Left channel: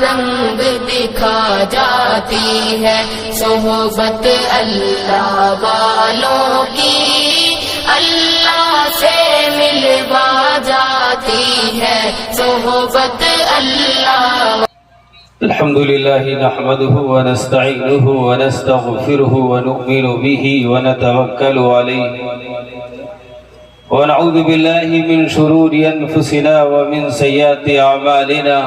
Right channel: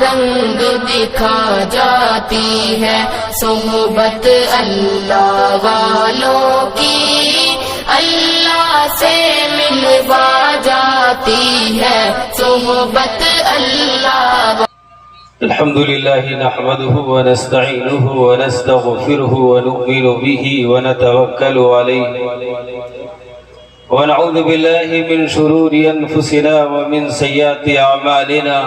رنگ دکھا جاتی ہے، صحبت اللہ والوں کی اللہ سے ملوا جاتی ہے، صحبت اللہ۔ الحمد لله نحمده ونستعينه ونستغفره ونؤمن به ونتوكل عليه ونعوذ بالله من شرور أنفسنا ومن سيئات أعمالنا،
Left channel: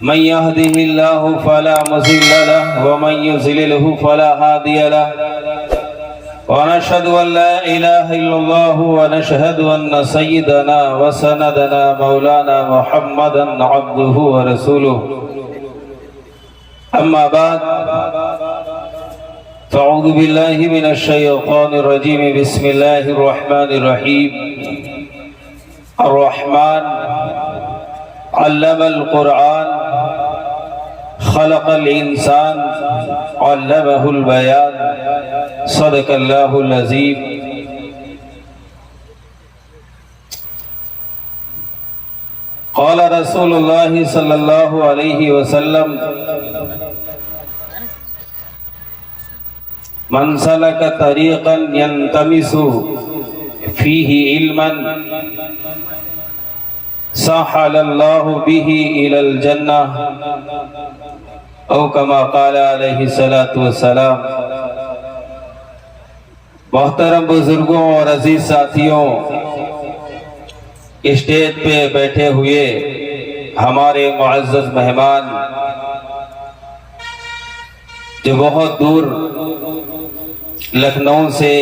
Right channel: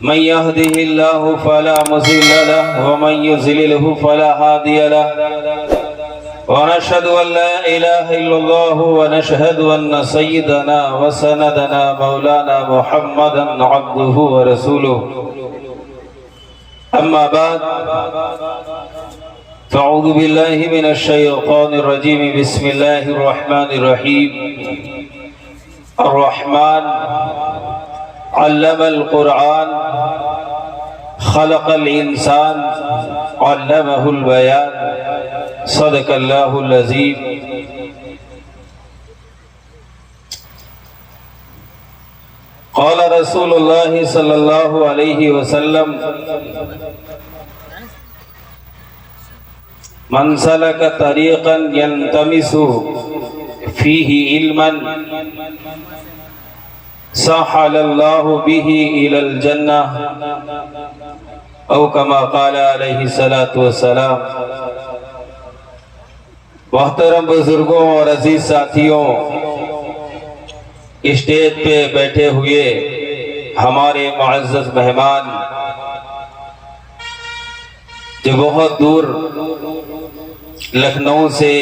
من يهده الله فلا مضل له ومن يضلله فلا هادي له، ونشهد أن لا إله إلا الله ونشهد أن سيدنا وسندنا مولانا محمدا عبده ورسوله، أما بعد فأعوذ بالله من الشيطان الرجيم، بسم الله الرحمن الرحيم۔ الرحمن علم القرآن خلق الإنسان علمه البيان، صدق اللہ العظیم۔ قال رسول اللہ صلی اللہ علیہ وسلم، من سلک طریقا ینتمس فیہ علما سہل اللہ بہ الی الجنہ، او کما قال علیہ الصلاۃ والسلام۔ محترم بزرگوں اور عزیز ساتھیوں، اسٹیج پہ بیٹھے ہوئے ہمارے معزز مہمان جو بہت دور لکھنؤ سے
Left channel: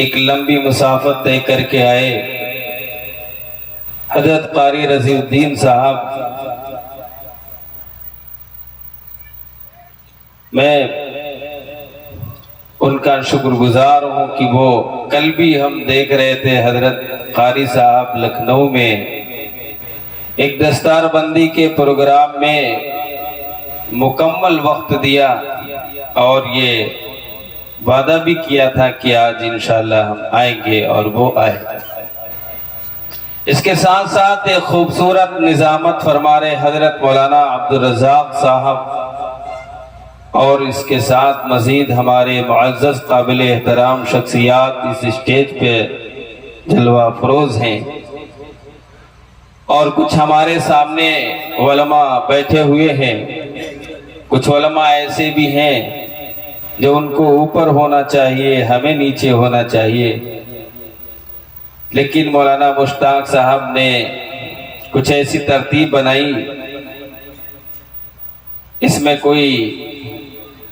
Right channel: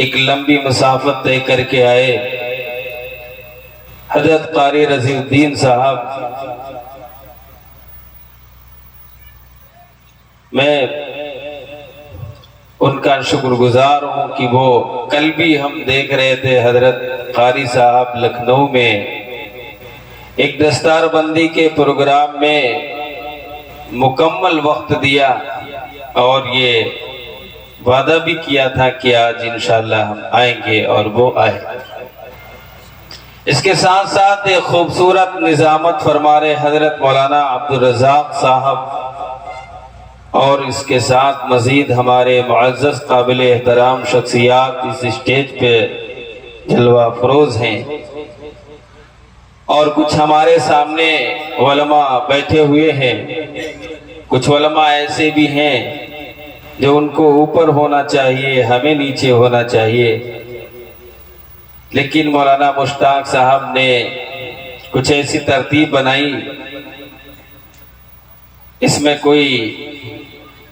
ایک لمبی مسافت طے کر کے آئے، حضرت قاری رضی الدین صاحب، میں ان کا شکر گزار ہوں کہ وہ کل بھی ہم دیکھ رہے تھے حضرت قاری صاحب لکھنؤ میں ایک دستار بندی کے پروگرام میں مکمل وقت دیا، اور یہ وعدہ بھی کیا تھا کہ آج انشاءاللہ ہم آئیں گے، اور وہ آئے۔ اس کے ساتھ ساتھ ایک خوبصورت نظامت فرما رہے حضرت مولانا عبدالرزاق صاحب، اور اس کے ساتھ مزید ہمارے معزز قابل احترام شخصیات اس اسٹیج پہ جلوہ افروز ہیں، اور کچھ ہمارے سامنے علماء بیٹھے ہوئے ہیں۔ کچھ علماء ایسے بھی ہیں جو ان کو اوپر ہونا چاہیے، ہمیں نیچے ہونا چاہیے، لیکن مولانا مشتاق صاحب نے کچھ ایسی ترتیب بنائی، اس میں کوئی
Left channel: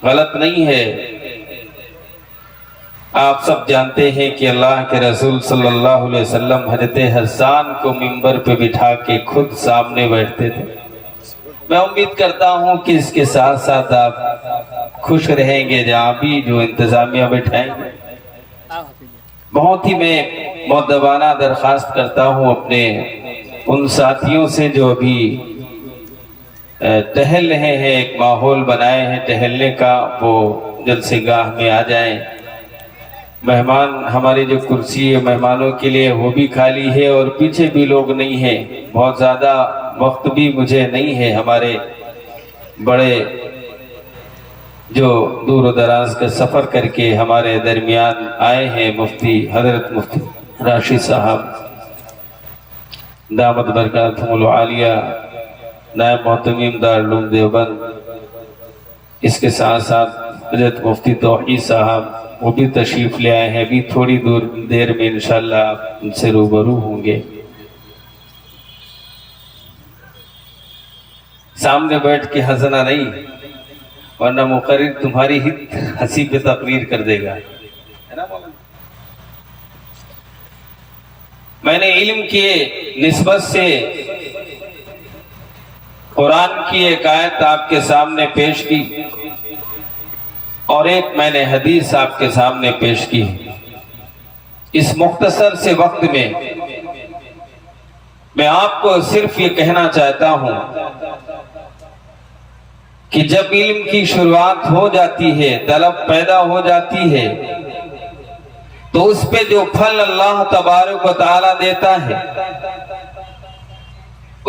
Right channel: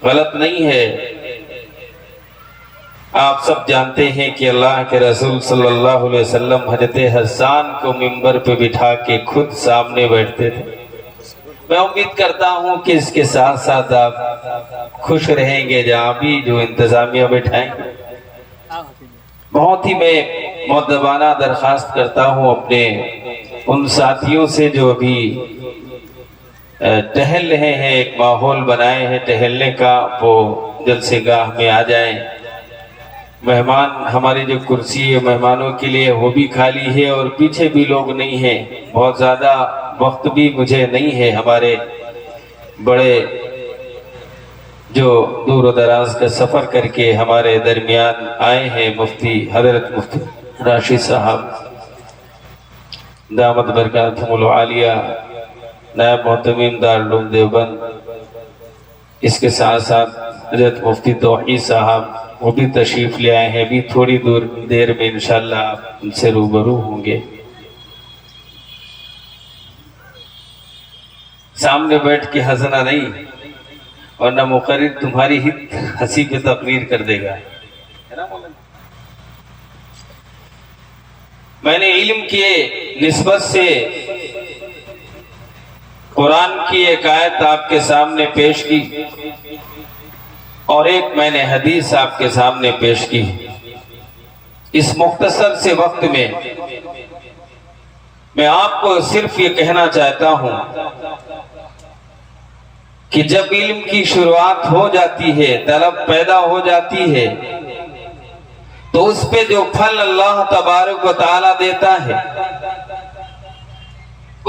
غلط نہیں ہے۔ آپ سب جانتے ہیں کہ اللہ کے رسول صلی اللہ علیہ وسلم حضرت حسان کو منبر پہ بٹھا کے خود سامنے بیٹھتے تھے۔ میں امید کرتا ہوں کہ اس کے ساتھ ساتھ آپ خوش رہیں گے جہاں بھی جو انتظامیہ بٹھائیں گے۔ بہت ہی میں مؤدبانہ درخواست کرتا ہوں اپنے ان ساتھیوں سے جو ابھی ٹہل رہے ہیں، ایک ماحول بنائے ہیں ٹہلنے کا، وہ جلسے گاہ میں آ جائیں۔ مہمان ہماری جو کرسی ہے مہمانوں کے لیے وہ بھی خالی ہے، اور پیچھے بھی لوگ نہیں ہیں، بہت زیادہ وقت بھی مجھے نہیں ہے۔ ہمارے بڑے جو دور و دراز کا سفر کر کے ہمارے درمیان آئے ہیں مفتی حضرت مفتی راشد صاحب دامت برکاتہم العالیہ، نائب محتمم دارالعلوم دیوبند، اس کے ساتھ ساتھ حضرت مفتی توحید صاحب وہ بھی تشریف لے آئے ہیں، بھی تھوڑی دیر میں انشاءاللہ آپ ان سے روبرو ہوں گے۔ سامنے بیٹھ کے ہنسنا نہیں، ورنہ مقرر تمہاری ہی ہنسی پہ تقریر کر دے گا۔ میں نے علم کے نسبت سے قرآن کی ایک آیت آپ کے سامنے پیش کی، اور ایک میں نے حدیث آپ کے سامنے پیش کی۔ اس مختصر سے وقت میں آپ کو صرف یہ کہنا چاہتا ہوں کہ جب علم کی شروعات ہو جاتی ہے، طلب پیدا ہو جاتی ہے، تو اس پہ جو پھل اللہ تبارک و تعالیٰ دیتا ہے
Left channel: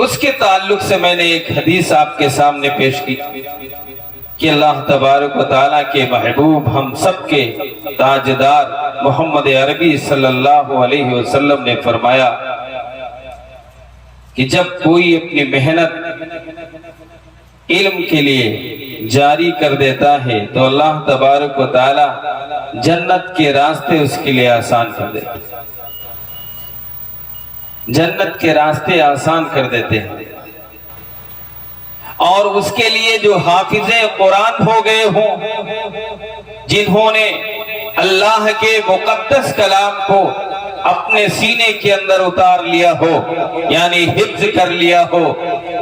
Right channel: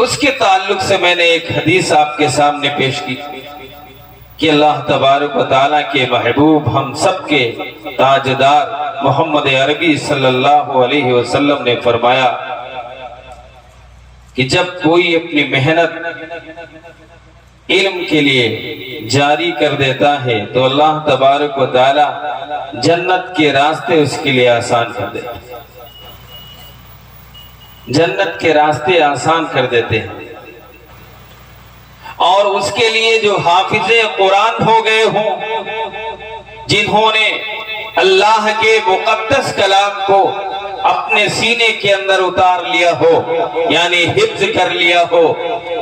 اس کے تعلق سے میں نے ایک حدیث آپ کے سامنے پیش کی کہ اللہ تبارک و تعالیٰ کے محبوب ہم سب کے تاجدار محمد عربی صلی اللہ علیہ وسلم نے فرمایا کہ جب کوئی اپنی محنت علم کے لیے جاری کر دیتا ہے تو اللہ تبارک و تعالیٰ جنت کے راستے اس کے لیے آسان کر دیتے ہیں، جنت کے راستے آسان کر دیتے ہیں۔ اور اس کے لیے جو حافظ قرآن ہو گئے ہوں، جنہوں نے اللہ کے مقدس کلام کو اپنے سینے کے اندر اتار لیا ہو، یعنی حفظ کر لیا ہو،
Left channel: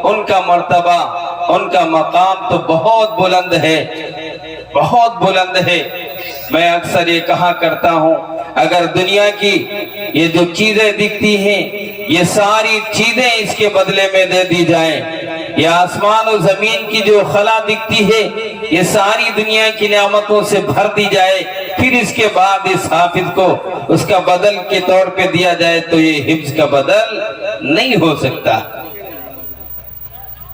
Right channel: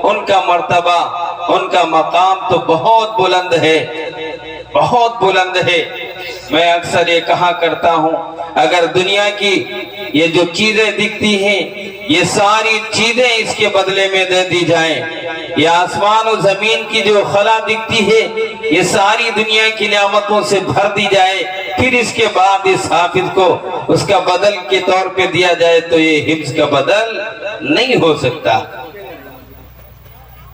ان کا مرتبہ، ان کا مقام تو بہت بلند ہے، بہت بلند ہے۔ میں اکثر یہ کہا کرتا ہوں، اگر دنیا کی یہ جو چیزیں دکھتی ہیں، یہ ساری چیزیں اس کے بدلے میں دے دی جائیں، یہ آسمان و زمین کی جو خلا دکھتی ہے، یہ ساری دنیا کی نعمتوں سے بھر دی جائے، پھر اس کے بعد اس حافظ کو اس کا بدل کے طور پہ دیا جائے تو یہ حفظ کا بدل نہیں ہو سکتا۔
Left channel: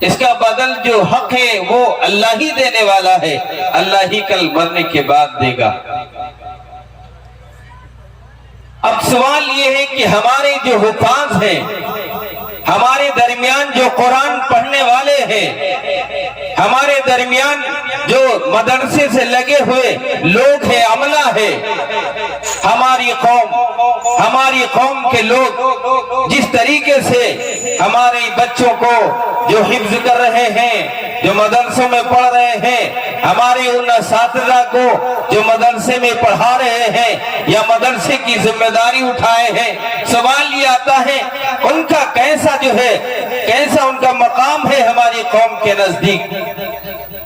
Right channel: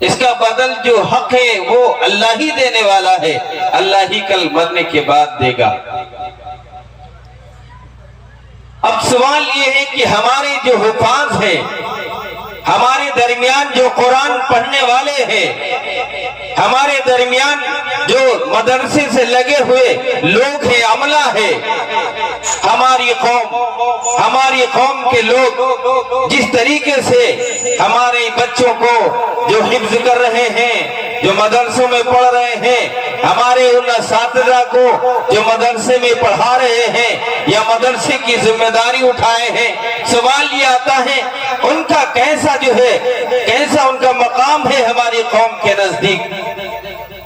اس کا بدل جو حق ہے وہ اللہ ہی دینے والا ہے، اللہ ہی کل مرنے کے بعد دے گا۔ اب سوال یہ ہے کہ ہمارے جو حفاظ ہیں، ہمارے درمیان جو قرآن پڑھنے والے ہیں، ہمارے درمیان جو مدرسے سے لگے ہوئے لوگ ہیں، عملہ ہے، ہماری قوم کے لوگ جس طریقے سے ہمارے بچوں کو جو حفظ کر رہے ہیں، جو مدرسوں میں پڑھ رہے ہیں، ہمارے ان اساتذہ کو جو مدرسے میں پڑھا رہے ہیں یا مدرسے کی ذمہ داری اٹھائے ہیں، سوال یہ آتا ہے ان کا کیسا ان کا مقام ہے ہماری قوم کے نزدیک؟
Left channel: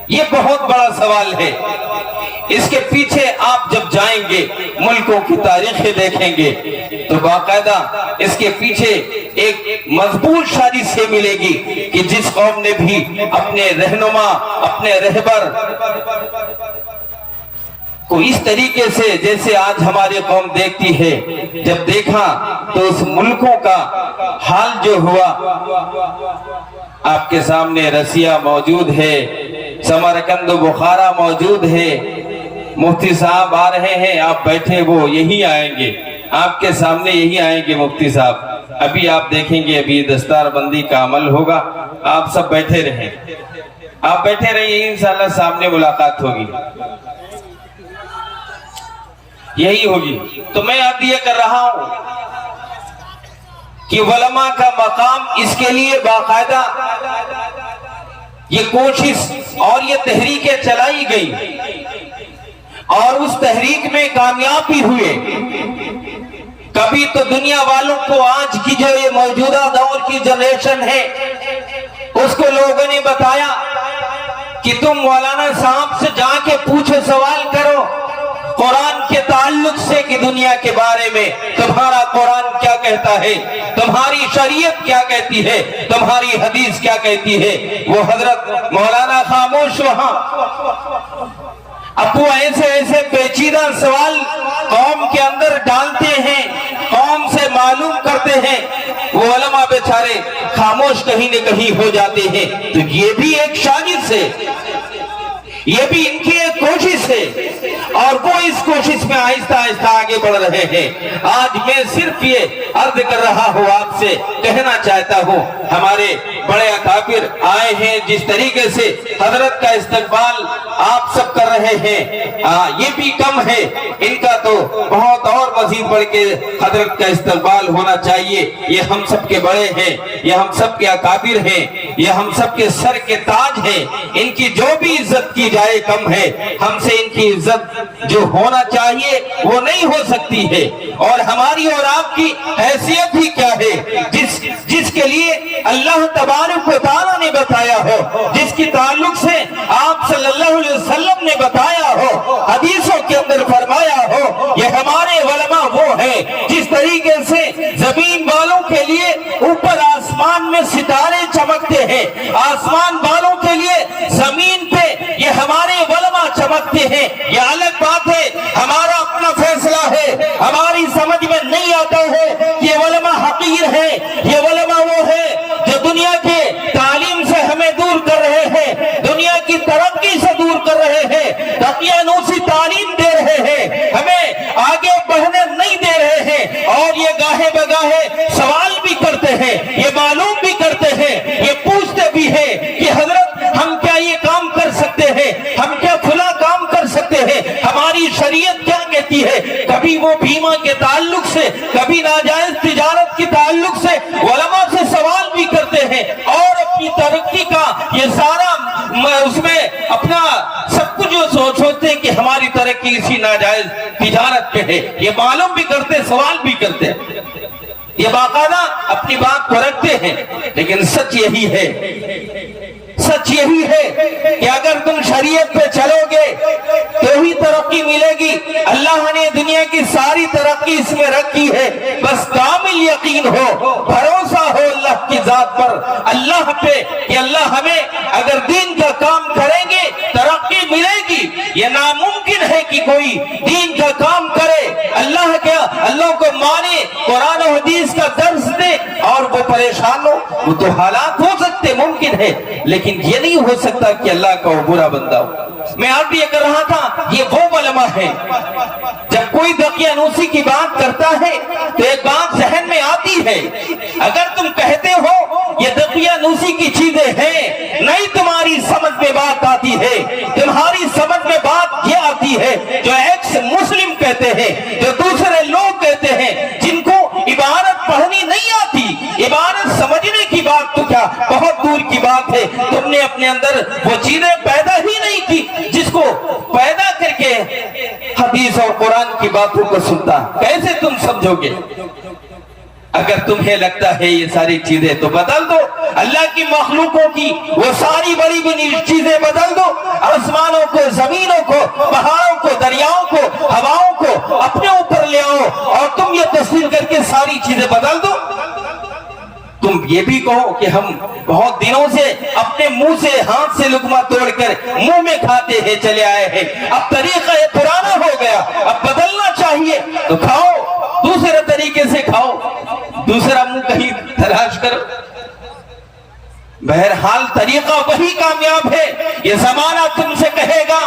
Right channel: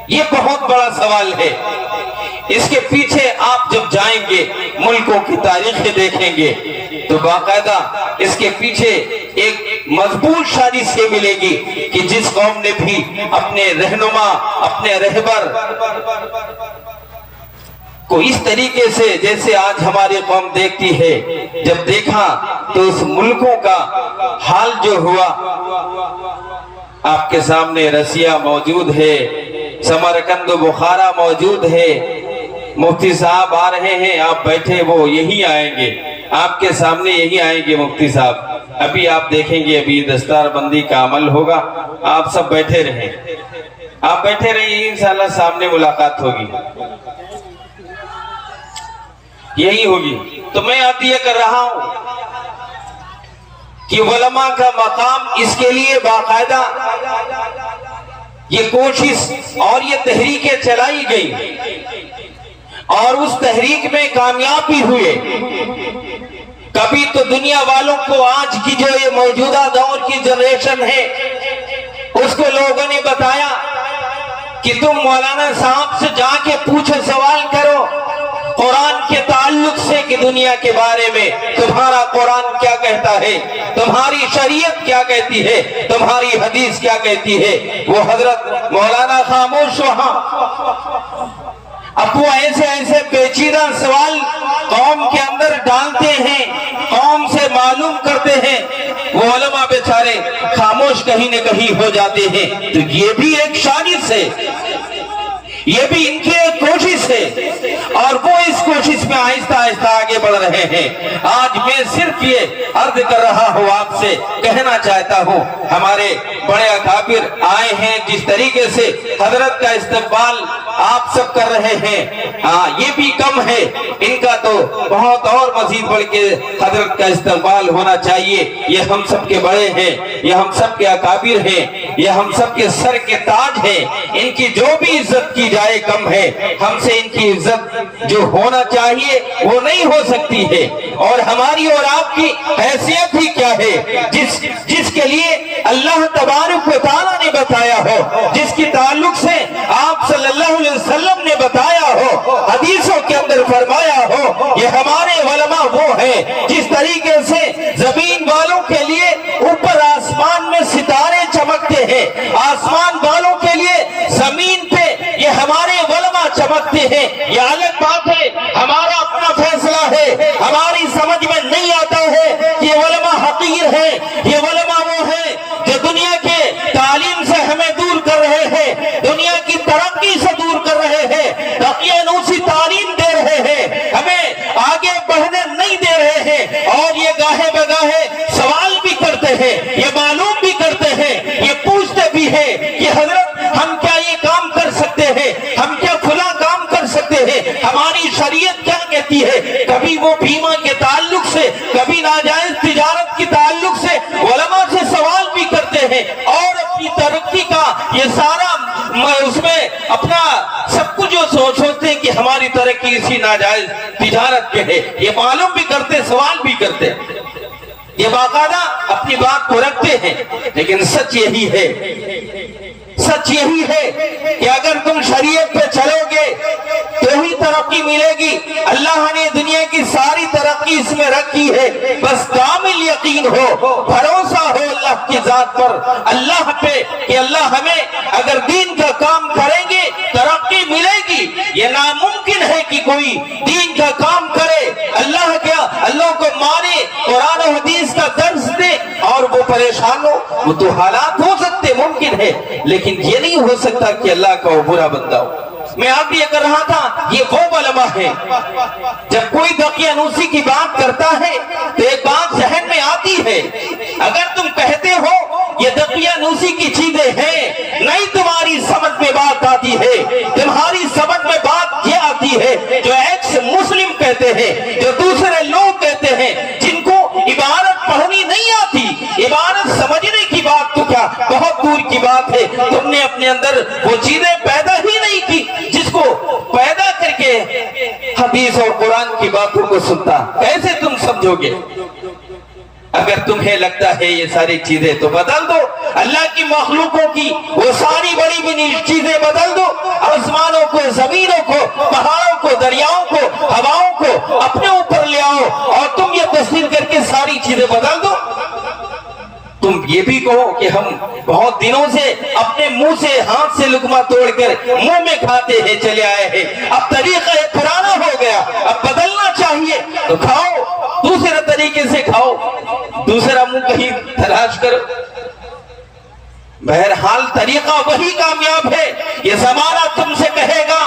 یہ بہت بڑا سوال ہے۔ اس کے پیچھے آپ جب جائیں گے، ملکوں کی تاریخیں دیکھیں گے تو باقاعدہ اس کے پیچھے ایک مضبوط شاخ سے ملے گی کہ جس قوم نے بھی اپنے رہنما، اپنے رہبر کو اس طریقے سے جیسے آج ہماری قوم دیکھتی ہے، جب دیکھا تو اس ملکوں کا حال جو ہوا، آپ کے سامنے رسیہ موجود ہے، سمرقند و بخارا موجود ہے، مفتی صاحب آ رہے ہیں، آپ بیٹھے، وہ یہی آئیں گے، آپ کے سامنے یہی آئیں گے مفتی صاحب۔ ابھی آپ دیکھیں گے، ابھی دستار بندی کا عمل ہوگا، آپ سب بیٹھے رہیں، آپ بیٹھے رہیں، انشاءاللہ سامنے ملاقات ہوگی، یہی ہوگی۔ تو میں یاد یہ کر رہا ہوں کہ علماء کا مقام، اس کے لیے باقاعدہ یہ کوشش اور یہ تحریکیں چلائی گئی اور اس تحریک میں کامیاب بھی ہوئے۔ کبھی تو دنیا والوں کو آج کی جو یہ موجودہ دور کی جنریشن ہے، اس کو لوگوں نے بتایا کہ تم مولانا صاحب سے جا کے پوچھو، سوال کرو قرآن کے تعلق سے کہ دنیا کے بارے میں تمہارا قرآن کیا کہتا ہے، تمہاری شریعت کیا کہتی ہے، تمہاری حدیث کیا کہتی ہے۔ وہ حضرت مولانا خاموش وہاں اب وہ ایسے پیچیدہ سوال قوم کے اندر ڈالتے ہیں، قوم سے معلوم کرتے ہیں، وہ علماء بیچارے خاموش کہیں نہ کہیں ہو جاتے ہیں۔ تو یہ بھی ایک سازش ہے، یہ بھی ان کی ایک کوشش ہے، اور وہ اس کوشش میں آہستہ آہستہ آگے بڑھ رہے ہیں۔ آج میں صرف یہ عرض کر رہا ہوں، آپ سے کہنا چاہتا ہوں، ہمارے بڑے اکابر آئے ہیں، جس طریقے سے حضرت کا استقبال آپ سب کر رہے ہیں، یہ بھی کم ہے، ان کا تو بہت اور مزید بڑھ کے حضرت کا استقبال ہونا چاہیے۔ یہ ہم سب کے بڑے ہیں، یہ ہم سب کے اکابر ہیں، یہ ہم سب کے سر کے تاج ہیں، ان کی جو بھی عزت کی جائے کم ہے، ہم سے ان کی عزت جو ہونا چاہیے وہ نہیں ہو سکتی ہے۔ اور ہماری اور آپ کی حیثیت ہی کیا ہے، جس کے لیے اللہ تبارک و تعالیٰ نے بتایا ہو، جس کی تعلق سے آپ صلی اللہ علیہ وسلم نے بتایا ہو، حدیثوں کے اندر فرمایا ہو، یہ ہمارے علماء وہ ہیں جس طریقے سے زمین والوں کے لیے اوپر آسمان میں ستارے چمکتے ہیں، آسمان والوں کے لیے زمین پہ یہ ہمارے علماء چمکتے ہیں۔ یہ الگ بات ہے، ہمارا اپنا فیصلہ ہے، ہماری سمجھ میں نہیں آتا ہے کہ یہ علماء حقیر ہیں، یہ علماء وہ ہیں جو دنیا کی اپنی ترقی کا یہ سارا اس میں اپنا سب کچھ جو سوچتے ہیں کہ ہماری ترقی اسی ناجائز تجارت پہ ہے، یہ معلوم بھی کرتے، سوال بھی کرتے، یہ باقاعدہ اپنی بات کو رکھتے ہیں، لیکن سچ یہی ہے، سچ یہی ہے کہ اگر تم شریعت پہ چلو گے تو ہی ترقی ملے گی۔ اللہ نے دنیا کی ساری ترقی اس میں رکھی ہے، بس کامل یقین ہو، بھروسہ ہو اللہ کی ذات پر، اللہ پہ، کہ اللہ ہمیں اگر دین کا کام کریں گے ترقی ملے گی۔ یہ ناممکن ہے کہ کوئی دین کا کام کرے، اللہ کو مانے، قرآن و حدیث کا درس دے اور وہ پریشان ہو۔ وہ تو حالات ہو سکتے، ممکن ہے، لیکن یہ نہیں ہو سکتا کہ اللہ کا وہ برا بندہ ہو۔ میں آپ بھی یہ کر رہا تھا، یہ وہ علماء ہے، جب کوئی دقیانوسی کی بات کرتا ہے تو ایک بات ذہن میں آتی ہے، اگر تم کہتے ہو یہ دقیانوسی کی چیزیں ہیں، نہیں تمہاری سمجھ میں بات آتی ہے، تمہاری سمجھ میں بات یہ آتی ہے جو ایکس مسلم کہتے ہیں، جو دوسرے لوگ کہتے ہیں، جن کو عبارت پڑھنی نہیں آتی، عبارت سمجھنے کی بات تو کیا بہت دور کی بات ہے۔ تم نے اپنے اندر وہ چیزیں پیدا ہی نہیں کی جس کو پیدا کر کے حدیث اور قرآن کی باتوں کو سنتا، کیسے تم سمجھو گے؟ اگر تمہیں لگتا ہے یہ ساری چیزیں تو بدل دو، اللہ کی مخلوقوں کی وہ ساری بڑی بڑی چیزیں بدل دو، آسمانوں کو، زمینوں کو، پہاڑوں کو، دریاؤں کو، ہواؤں کو اپنے اوپر لے آؤ اور تم یہ تسلیم کر کے ساری چیزیں بدل دو۔ تم یہ بھی کہو کہ ہم بہت دنوں سے اپنے منہ سے، ہاتھ سے لقمہ توڑ کر منہ میں کھاتے ہیں چلے آئے ہیں، اب طریقہ یہ پرانا ہو گیا، اب بدلنا چاہیے، تو کھاؤ، دوسرے طریقے سے کھاؤ، دوسرا منہ کہیں تلاش کرو۔ بہرحال طریقہ وہی کامیاب ہے۔ یہ زمانہ تم سے کہے گا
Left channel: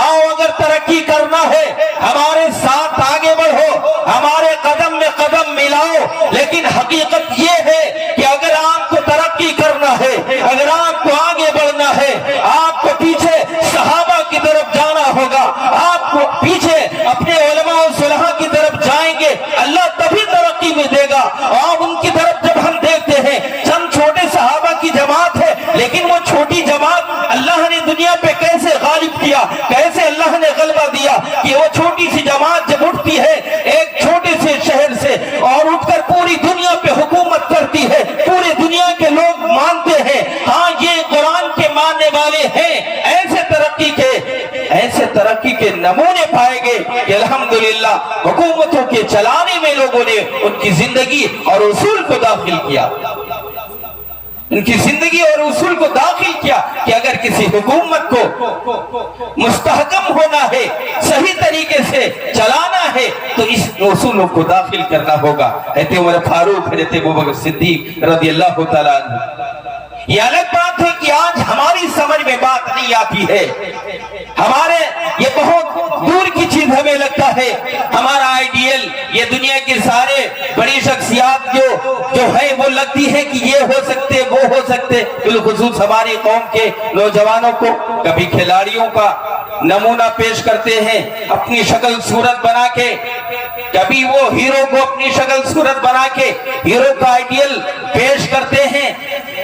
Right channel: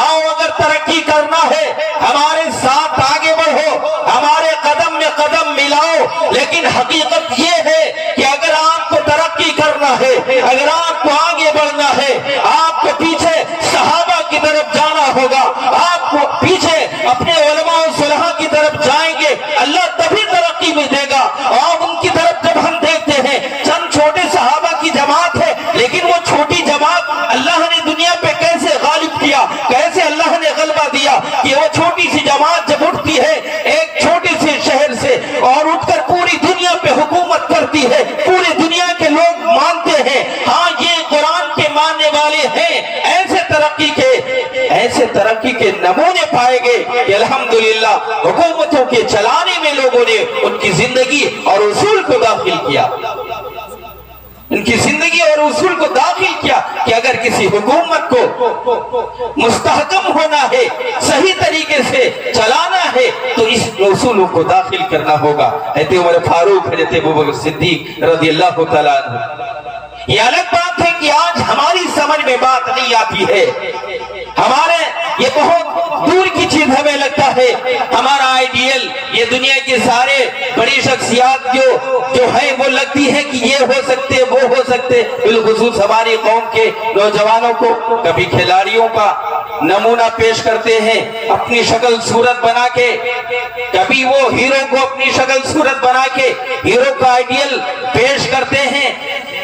آؤ اگر ترقی کرنا ہے ہمارے ساتھ آگے بڑھو، ہمارے قدم میں قدم ملاؤ، لیکن حقیقت یہ ہے کہ اگر آپ کو ترقی کرنا ہے، اگر آپ کو آگے بڑھنا ہے، آپ کو پیچھے صحابہ کی طرف جانا ہوگا، آپ کو پیچھے اپنے علماء و صلحاء کی طرف جائیں گے، اللہ تبھی ترقی میں دے گا۔ اور ان کی طرف جب ہم دیکھتے ہیں، چند چھوٹے صحابہ کی جماعت ہے، لیکن وہ چھوٹی جماعت اللہ نے دنیا پہ کیسے غالب کیا، کیسے اللہ نے غلبہ دیا کہ وہ چھوٹی سی جماعت جب اٹھتی ہے ایک چھوٹے سے شہر سے اور اٹھ کر پوری دنیا پہ حکومت کرتی ہے، پوری دنیا کے لوگ مانتے ہیں ہاں یہ قرآن کے ماننے والے ہیں، ایسے ترقی کے نمونے پائے گئے کہ الحمدللہ حکومتوں کے چلانے میں لوگوں نے ان کی زندگی اور اصول کو داخل کیا، ان کی زندگی اور اصول کو داخل کیا کہ اگر کسی حکومت کو مستحکم ہونا ہے، صحیح طریقے سے چلانا ہے تو اس اصولوں کو داخل کرنا ہوگا۔ حضرت عمر فاروق، حضرت ابوبکر صدیق رضی اللہ تعالیٰ عنہ۔ یہ الگ بات ہے کہ آج ہماری سمجھ میں بات نہیں آتی ہے، ہمارے یہ بہت دور کی چیز ہمیں لگتا ہے، ہمارا آئیڈیل یہ دنیا کے سارے بڑی شخصیات جو ہے وہ لگتی ہے کہ یہ ہو سکتے وہ ہو سکتے، بالخصوص ہماری قوم کے نوجوانوں کو کبھی کھلاڑیوں کا نمونہ پیش کرتے ہیں اپنی شکل صورت بنا کے، کبھی وہ ہیرو کو اپنی شکل صورت بنا کے ہیرو کا آئیڈیل پیش کرتے ہیں،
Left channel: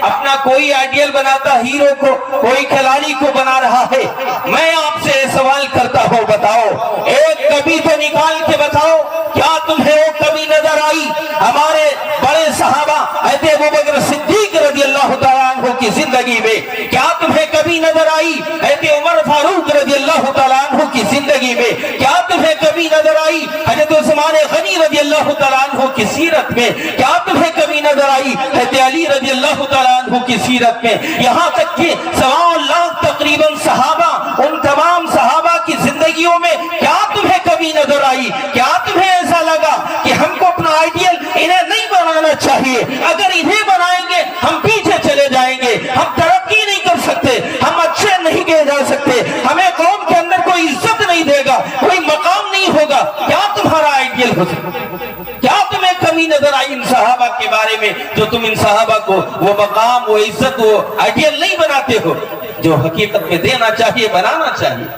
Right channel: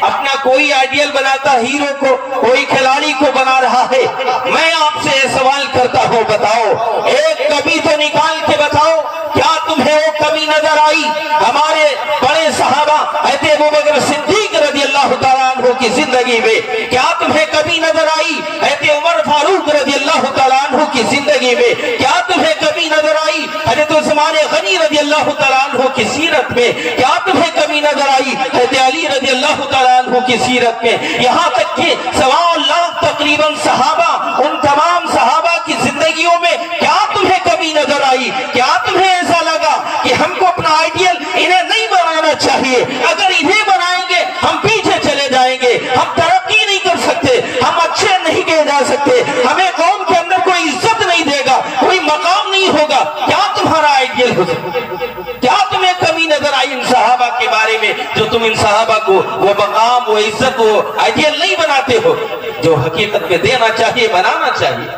اپنا کوئی آئیڈیل بناتا ہیرو کو، کوئی کھلاڑی کو بنا رہا ہے۔ میں آپ سے سوال کرتا ہوں، بتاؤ ایک کمی تو نکال کے بتاؤ، کیا تمہیں وہ کمی نظر آئی ہمارے بڑے صحابہ حضرت ابوبکر صدیق رضی اللہ تعالیٰ عنہ کی زندگی میں؟ کیا تمہیں کمی نظر آئی حضرت عمر فاروق رضی اللہ تعالیٰ عنہ کی زندگی میں؟ کیا تمہیں کمی نظر آئی حضرت عثمان غنی رضی اللہ تعالیٰ عنہ کی سیرت میں؟ کیا تمہیں کمی نظر آئی حضرت علی رضی اللہ تعالیٰ عنہ کی سیرت میں؟ یہاں تک کہ 1.25 لاکھ تقریباً صحابہ، ان تمام صحابہ کی زندگیوں میں کیا تمہیں کمی نظر آئی؟ کیا تمہیں ایسا لگا کہ ہم کو اپنا آئیڈیل انہیں نہیں بنانا چاہیے؟ اگر انہیں بنائیں گے ہم پیچھے چلے جائیں گے، ہم ترقی نہیں کر سکتے، ہم اچھے نہیں کہے جا سکتے، ہمیں قوم کے اندر کوئی عزت نہیں دے گا، کوئی مقام نہیں ہوگا۔ کیا تمہارا آئیڈیل ہو سکتا؟ کیا تمہیں کمی نظر آئی ان صحابہ کے بارے میں جو تم ان صحابہ کو وہ مقام، وہ عزت، وہ آئیڈیل نہیں بناتے ہو جو حقیقت میں دینا چاہیے، بنانا چاہیے؟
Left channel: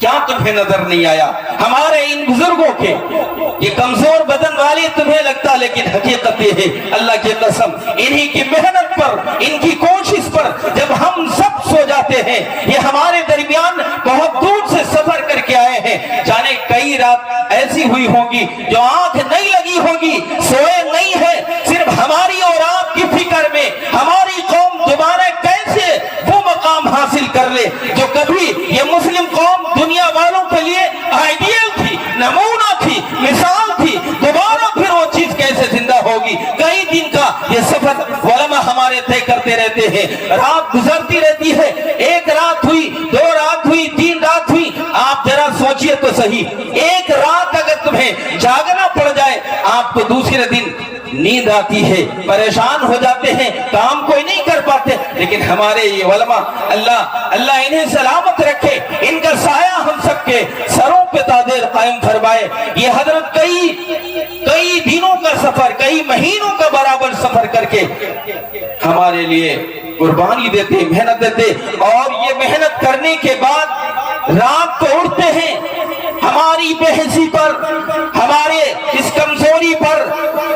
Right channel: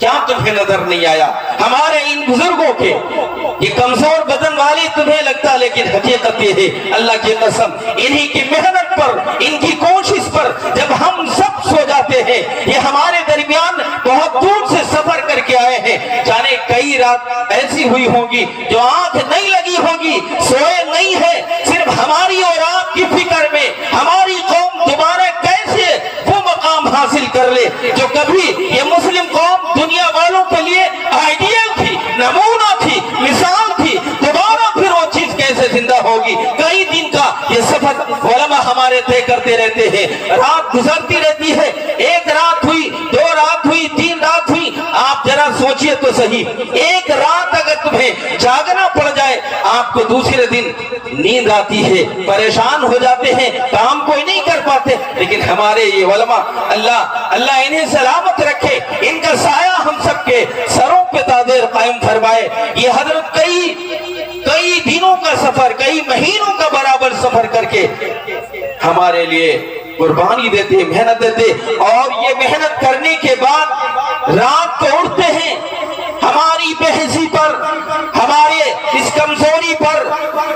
کیا تمہیں نظر نہیں آیا ہمارے ان بزرگوں کے یہ کمزور بدن والی تمہیں لگتا، لیکن حقیقت یہ ہے اللہ کی قسم انہی کی محنت پر، ان کی کوشش پر جب ہم سب سو جاتے ہیں، یہ ہمارے درمیان بہت دور سے سفر کر کے آئے ہیں، جانے کئی رات ایسی ہوئی ہوگی جو آنکھ نہیں لگی ہوگی، سوئے نہیں ہے، صرف ہماری اور آپ کی فکر میں ہماری قوم دوبارہ کیسے وہ مقام حاصل کر لے جو کبھی یہ مسلم قوم دنیا والوں کے لیے آئیڈیل تھی، نمونہ تھی، مثال تھی، دوبارہ پھر وہ چیز کیسے زندہ ہوگی۔ کئی دن کا یہ سفر علماء ہمارے طے کرتے رہتے ہیں، رات گزرتی رہتی ہے، ایک رات ہوئی، دو رات ہوئی، تین رات ہوئی، آپ ذرا سوچئے تو صحیح، ایک رات اگر تمہیں جاگنا پڑ جائے، آپ کو دوسرے دن نیند آتی ہے، پریشان ہو جاتے ہیں، کام کوئی نہیں کر پاتے، لیکن ہمارے یہ علماء اللہ انہیں سلامت رکھے، ان کا سایہ ہم سب کے سروں پہ تاجر قائم فرمائے۔ یہ حضرت کئی دنوں کا سفر، کئی مہینوں کا برابر سفر کر کے ہمارے لیے قربانی دیتے، محنت دیتے، اور یہ محنت کرنے کے بعد رات کو اٹھتے ہیں، ہماری بحثی پر، ہمارے اس کمزوری پر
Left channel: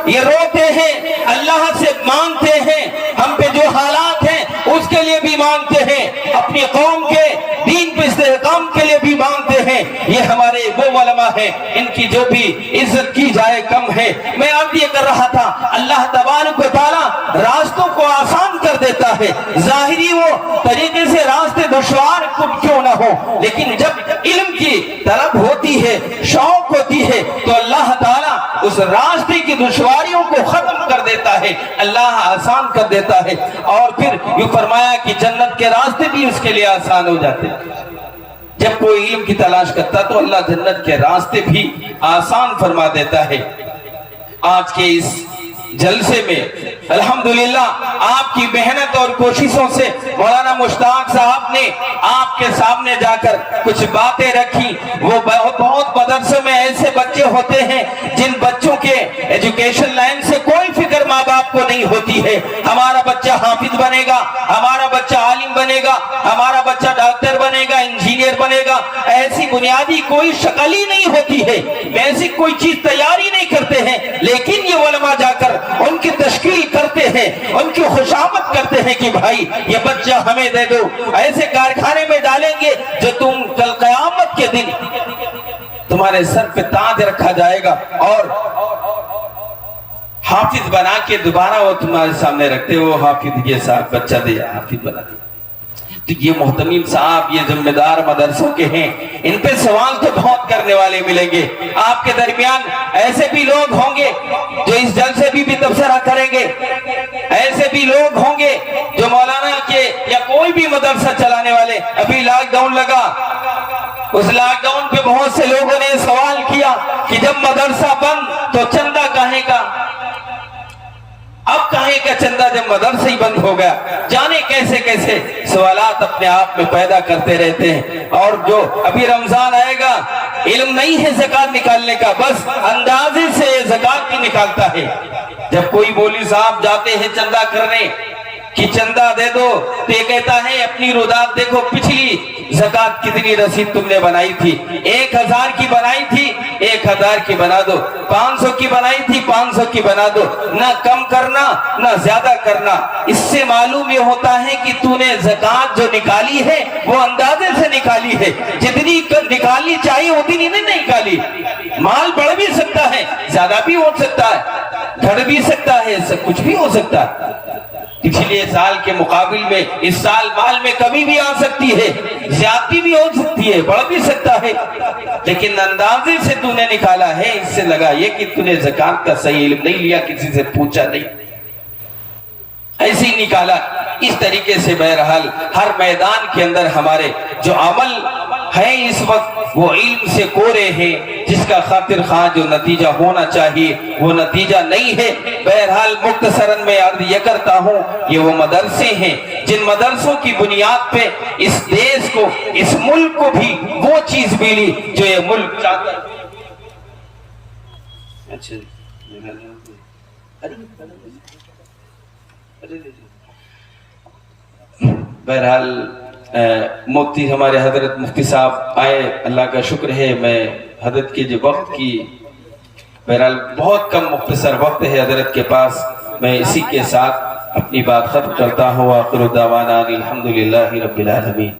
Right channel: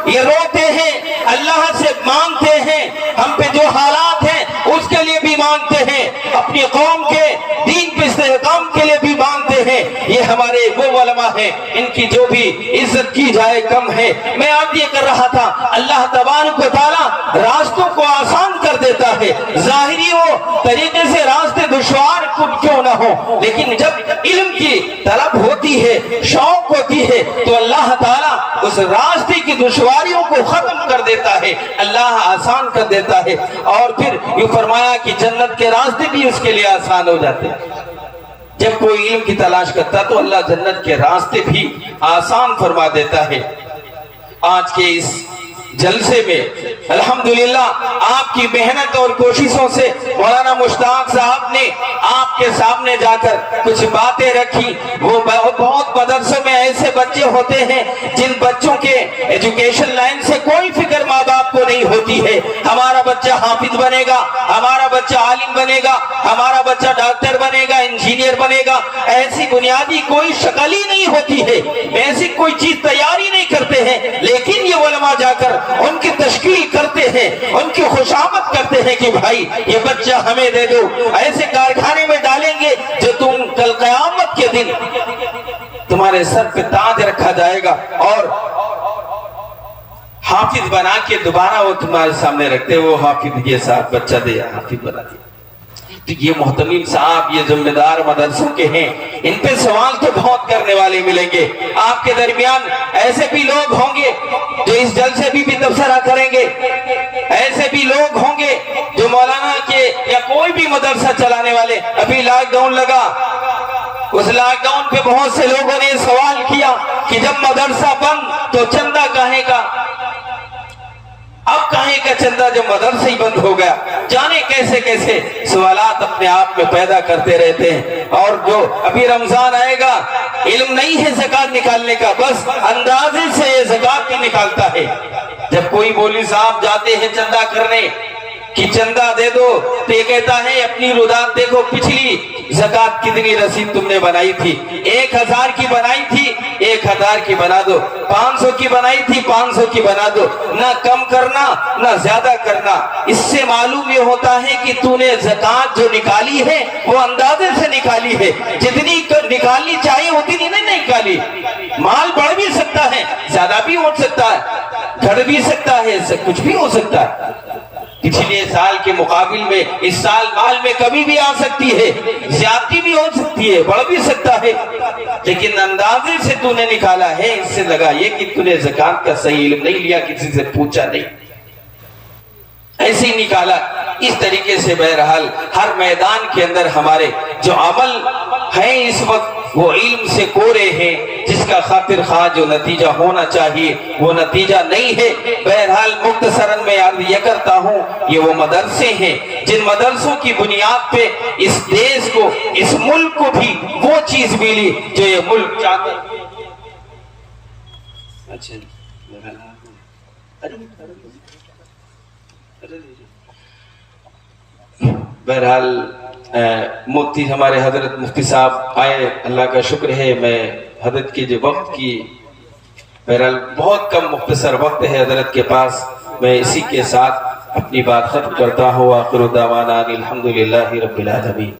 یہ روتے ہیں، اللہ سے مانگتے ہیں، ہم پہ جو حالات ہیں اس کے لیے بھی مانگتے ہیں، اپنی قوم کے دین پہ استحکام کے لیے بھی مانگتے ہیں۔ یہ ہمارے وہ علماء ہیں، ان کی جو بھی عزت کی جائے کم ہے۔ میں آج یہ کر رہا تھا، اللہ تبارک و تعالی راستوں کو آسان کر دیتا ہے، ظاہری ہو طریقے سے راستے دشوار کیوں نہ ہو، لیکن جب علم کی طلب ہوتی ہے، شوق ہوتی ہے، تو اللہ تعالیٰ اس راستے کی دشواریوں کو ختم کر دیتا ہے، اللہ آسان کر دیتا ہے، اور پھر یہ فرمایا کہ جنت کے راستے بھی اس کے لیے آسان ہو جاتے ہیں۔ جب کوئی علم کی تلاش کرتا تو اللہ جنت کے راستے بھی آسان فرما دیتا ہے۔ آج کے اس جلسے میں الحمدللہ آپ کی محنت اور کوششوں سے مولانا مشتاق صاحب نے آپ کے سامنے جا کر کچھ باتیں رکھی۔ وہ بہت مدرسوں میں ایسے بچے ہوتے ہیں جن بچوں کے ایجوکیشن لائن سے کوئی فکر ماں باپ کو نہیں ہوتی ہے، ہمارا بچہ حافظ بنے گا، ہمارا بچہ عالم بنے گا، ہمارا بچہ ڈاکٹر بنے گا، انجینئر بنے گا، ایسی بنیادی کوئی شکل ہی نہیں ہوتی ہے، ایسی کوئی چیز تیاری نہیں کرتے ہیں، لیکن یہ علماء جا کر ان کی تشکیل کرتے ہیں، ان کی خوشامد کرتے ہیں کہ بھائی یہ بچہ ہمیں دے دو، ایسے کارخانے میں ڈالیں گے جو تم کل قیامت کے دن تمہارے سر پہ تاج رکھا جائے گا، اور حافظ بنا کے دوبارہ وہ تمہارے سامنے رکھتے، وہ حافظ کے ساتھ بچہ دے حافظ بنا دیا۔ تو یہ محتمیم صاحب، یہ ذمہ دار مدرسوں کے ہیں، ان پہ سوال تو بہت کرنے والے ملیں گے۔ آپ کے درمیان ایسے بھی لوگ ہوں گے جو اس جلسے بھی تبصرہ کریں گے، ایسے بھی لوگ ہوں گے جو مولانا کے یا کوئی بھی مدرسہ چلانے والے۔ ابھی لاک ڈاؤن لگا، اس لاک ڈاؤن پہ بہت سے لوگوں نے سوال کیا کہ جب مدرسہ بند تو چندہ کہے کا، اب کہیں کا چندہ جب مدرسہ ہی بند ہو گیا۔ جانے کیسے کیسے سوالات اپنے آپ میں پیدا کرتے رہتے ہیں۔ اور جو ابھی رمضان آئے گا، علم نہیں ہے زکوٰۃ نکالنے کا، بس اندازے سے زکوٰۃ بھی نکالتا ہے۔ جب کوئی مولوی صاحب جاتے ہیں چندہ کرنے کہ چندہ دے دو، تو یہ کہتا ہے اپنی رودات دیکھو، پچھلی زکوٰۃ کتنی رسید تم نے بنائی تھی، 1000 کی بنائی تھی، 1000 کی بنا دو، 500 کی بنائی تھی، 500 کی بنا دو، نہ کم کرنا نہ زیادہ کرنا۔ اس سے معلوم یہ ہوتا ہے کہ تو نے زکوٰۃ جو نکالی ہے وہ اندازے سے نکالی ہے، جتنی نکالنی چاہیے اتنی نہیں نکالی۔ مال بڑھ بھی سکتا ہے، زیادہ بھی ہو سکتا ہے، گھٹ بھی سکتا ہے، کچھ بھی ہو سکتا ہے۔ پچھلے سال کے مقابل میں اس سال مال میں کمی بھی آ سکتی ہے، زیادتی بھی ہو سکتی ہے، بڑھ بھی سکتا ہے، لیکن اندازے سے تو نے نکالا ہے۔ اس سے لگا یہ کہ تو نے زکوٰۃ کا صحیح علم نہیں لیا، کسی سے پوچھا نہیں، ایسے ہی نکالا۔ اس طریقے سے بہرحال ہر میدان کے اندر ہمارے جو عمل ہیں اس وقت وہ علم سے کورے ہیں، جس کا خاطر خواہ جو نتیجہ ہونا چاہیے وہ نتیجہ نہیں ہے۔ بہرحال مختصراً میں عرض یہ کرتا ہوں، یہ وہ مدرسے ہیں جن مدرسوں کی بنیاد پہ اس دیش کو، اس ملک کو بھی وہ چیز ملی جو یہ ملک چاہتا ہے۔ بہرحال مفتی ہمارے حضرت مفتی صاحب آئے، اللہ کا شکر ہے۔ میں حضرت کے جو وقت کی بہرحال بہت کم مختصر وقت ہے حضرت کے پاس، میں اسی کے ساتھ اپنی بات ختم کرتا ہوں۔ وآخر دعوانا الحمدللہ رب العالمین۔